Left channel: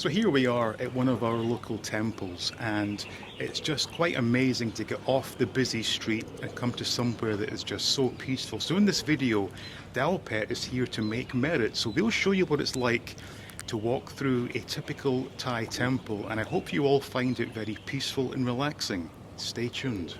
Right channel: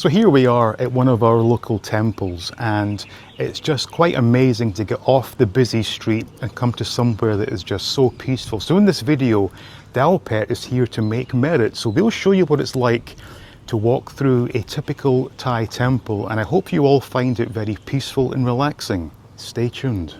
So here we are at one of our local temples, and it's just quite amazing to get off the busy street and come to somewhere that is just so peaceful. So in this video, Dalpet is here to make merit. So we'll show you what it's like to walk through a typical Thai temple, and I hope you all find it very peaceful and relaxing. Stay tuned.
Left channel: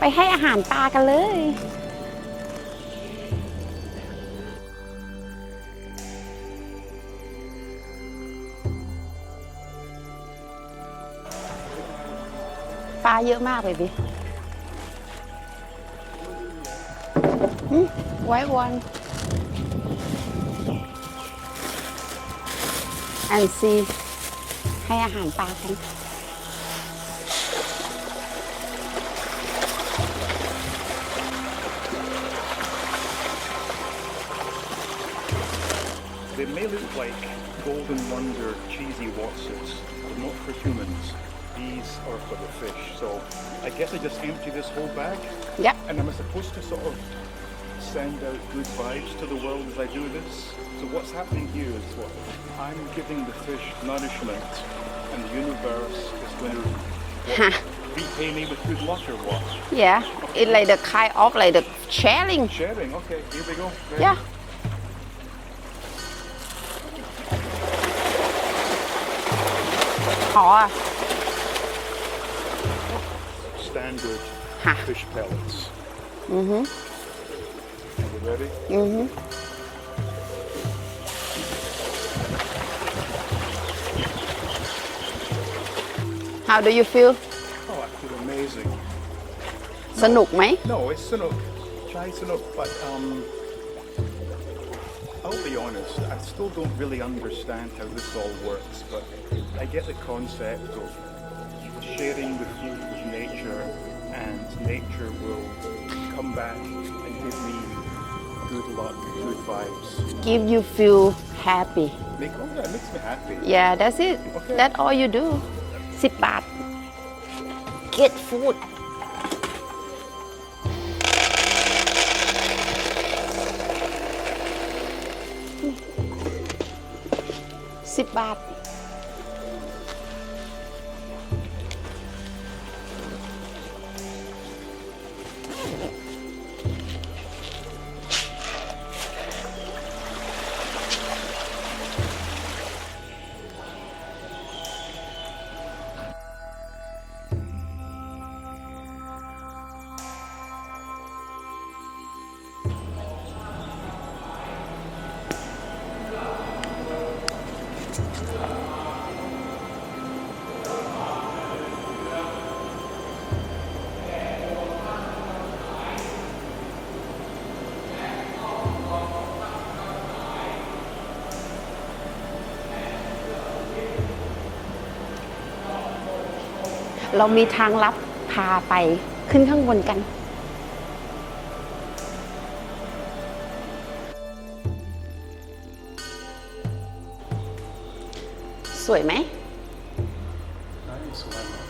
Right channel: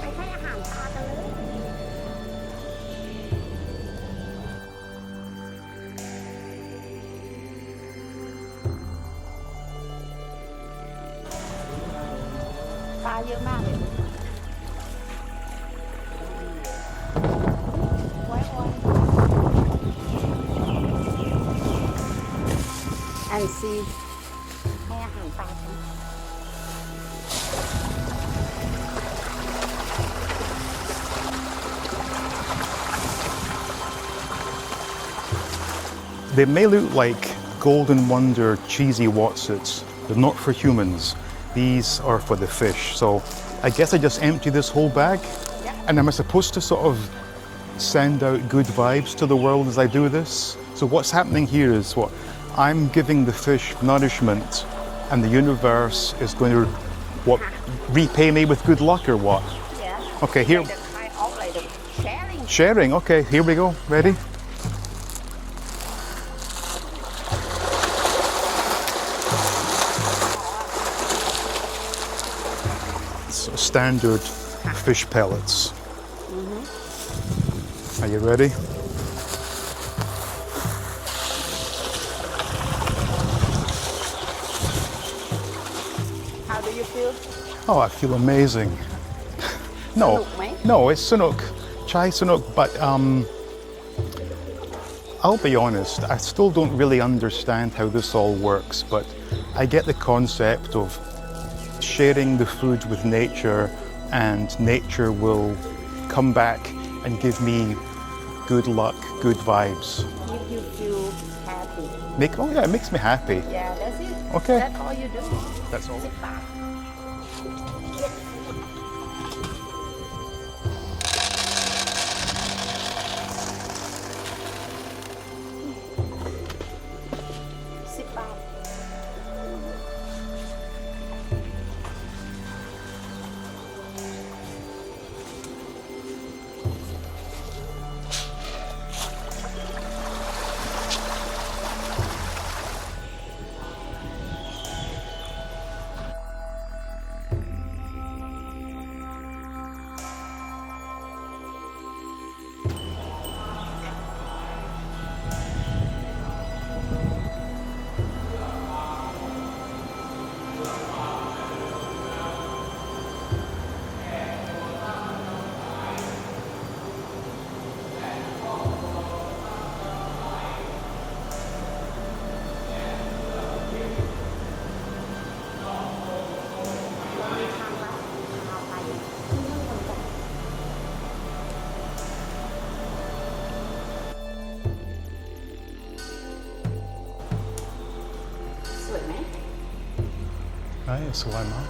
ไปให้อาหารปลากันเลยปลาเยอะมากเลยดิไว้วัน and see ให้อาหารปลากัน They may look like Golden Wonder cheesy Wotsits, but not for humans. These are for the fish. So I guess I just empty this whole bag? Yep. And am I supposed to sort of send out good vibes to the world as I do this? So what's happening here is what? I'm giving the fish nourishment and the universe is going to repay me with good luck or what? Yeah. Okay. It's like the kind of like the sharing. Sharing, okay, here we go. Ready? Yeah. Standard fish pellets. Are you ready? How do you feel? Oh, I feel amazing. สนุกไหม No, it's sanuk. Chai sanuk, but I'll be honest, I still don't really understand how this all works, but I get the concept of sharing the food with nature, and nature will come back and give me good luck, good vibes. Give you feel happy. Oh yeah, it makes me happy. Yeah, that's it. Okay. That's all you do. That's all. 10 บาท Get food. $10 เรามีทางลับพาไปขึ้นข้างบนกันสวยไหม Nice, why not?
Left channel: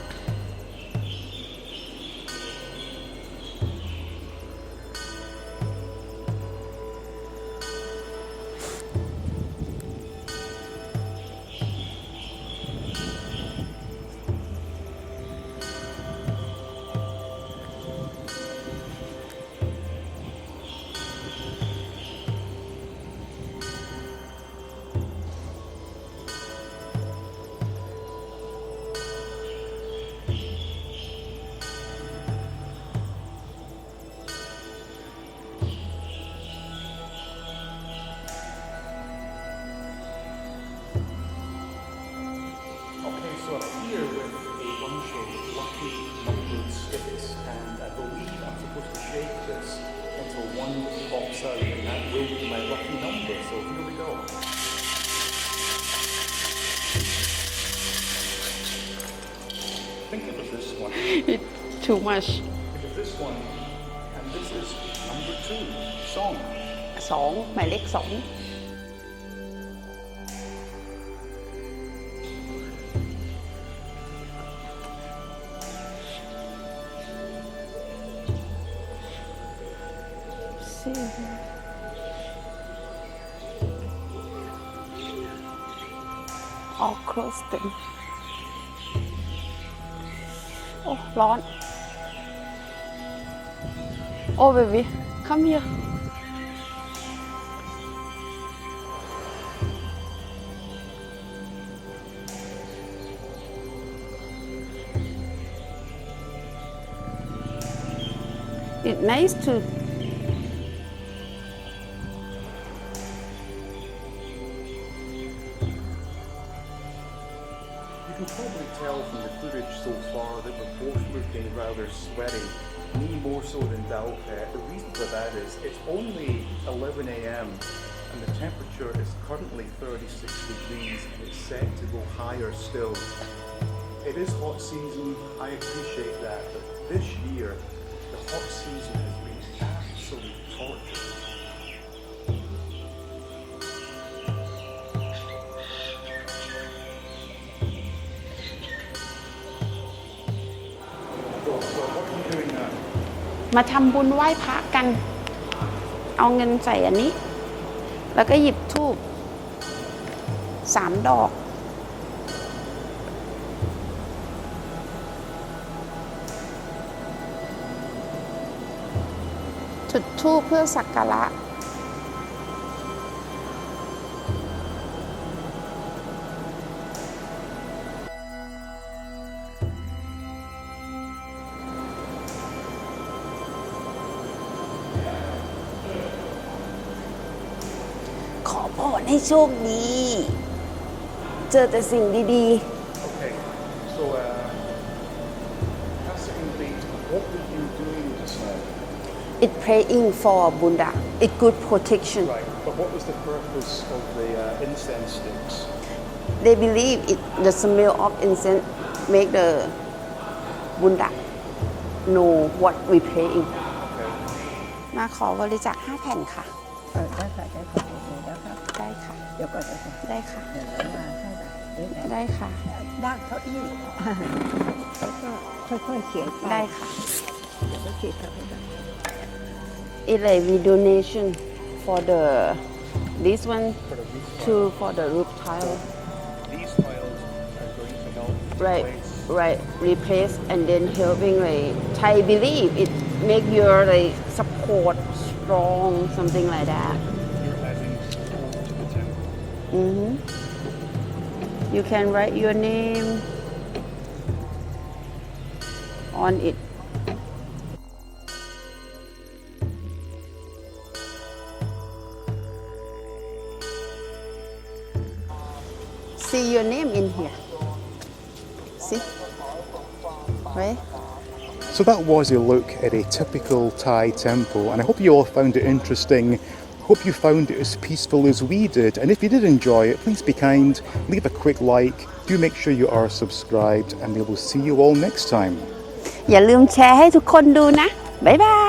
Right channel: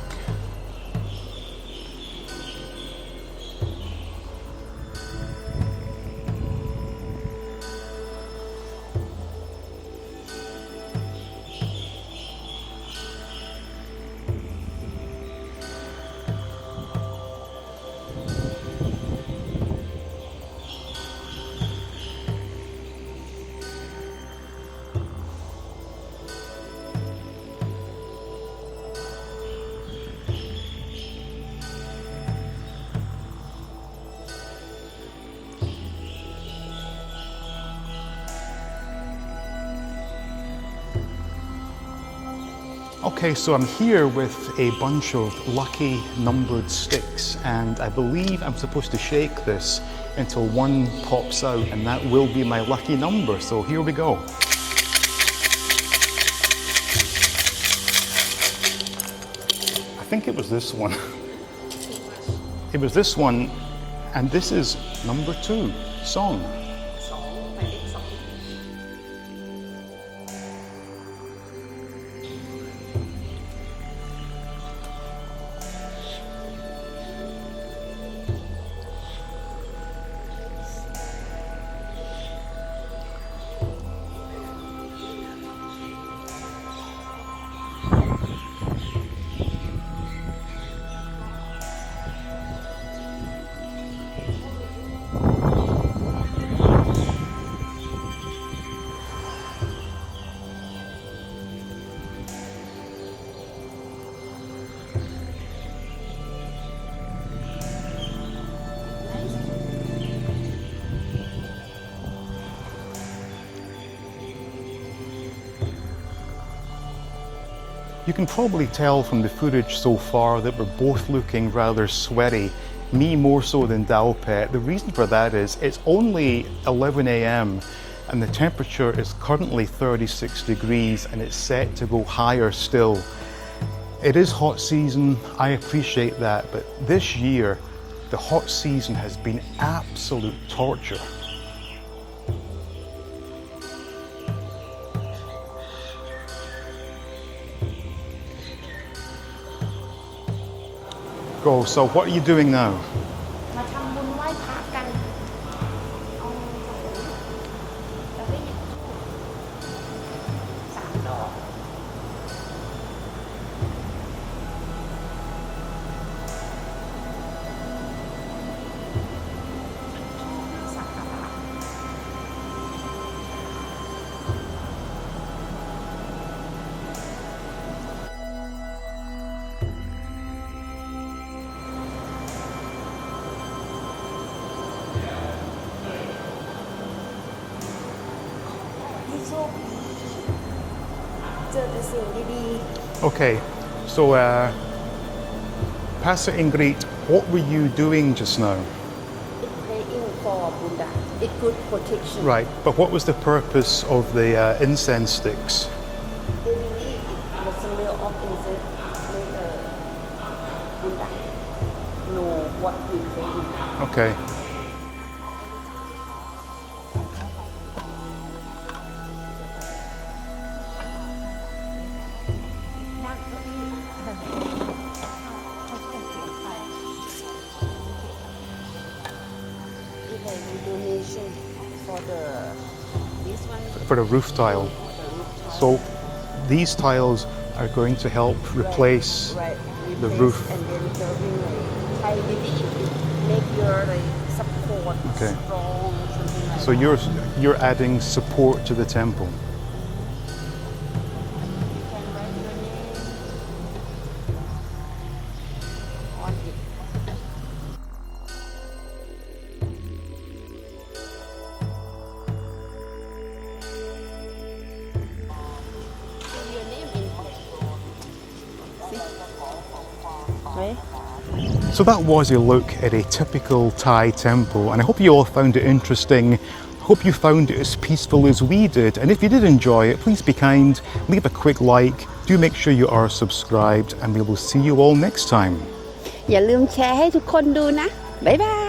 Okay, so I'm here with a bunch of lucky numbered sticks, and I believe I'm supposed to shake this until one pops out, and that will be my lucky number. So here we go. I think it was this one. too much It was this one, and this is number 2, song. 2 หมายเลข 2 all close them โอ้ร้อน โอ้ baby come here it's nice to You can probably tell from the footage so far that we're both looking rather sweaty, me more so than Daopet. The reason for that is it's only 11 a.m. and the temperature is currently 36 degrees and it's set to go higher still. It is hot season, I appreciate that, but this year the hot season has been absolute torture. So what are you doing now? มาทำบุญไหว้พระกัน เอาเงินใส่อันนี้ แล้วก็หยิบธูป3 ดอก จุดธูปเพื่อสักการะ ขอพรให้โชคดี เจอแต่สิ่งดี Okay, so Pastor Ingrid, what were you doing just now? It praying for Buddha. It good protection. Right, but what was the purpose of the incense sticks? They believe the smell of incense make the Buddha know what we praying. Okay. มาขอบริจาค5 แผ่นค่ะ ได้ค่ะ ได้ค่ะ นั่งเก้าอี้ค่อยๆเขียน ได้ค่ะ เขียน It's like we donation for the this one For the roof tile. for the roof tile. So these tiles are going to help replace right, the replace roof. and then helping like Thai believe it make your like support Okay. strong something like So that. you're adding support to the temple. You can write your name on it. See your name in here. See? Right? So that was a look at a typical Thai temple, and I hope you all found it interesting. Hope you found it as peaceful as we did, and if you did enjoy it, please be kind, leave a quick like, do make sure you are subscribed, and we will see you all next time. อย่าลืมแชร์ให้ทุกคนดูนะ บ๊ายบาย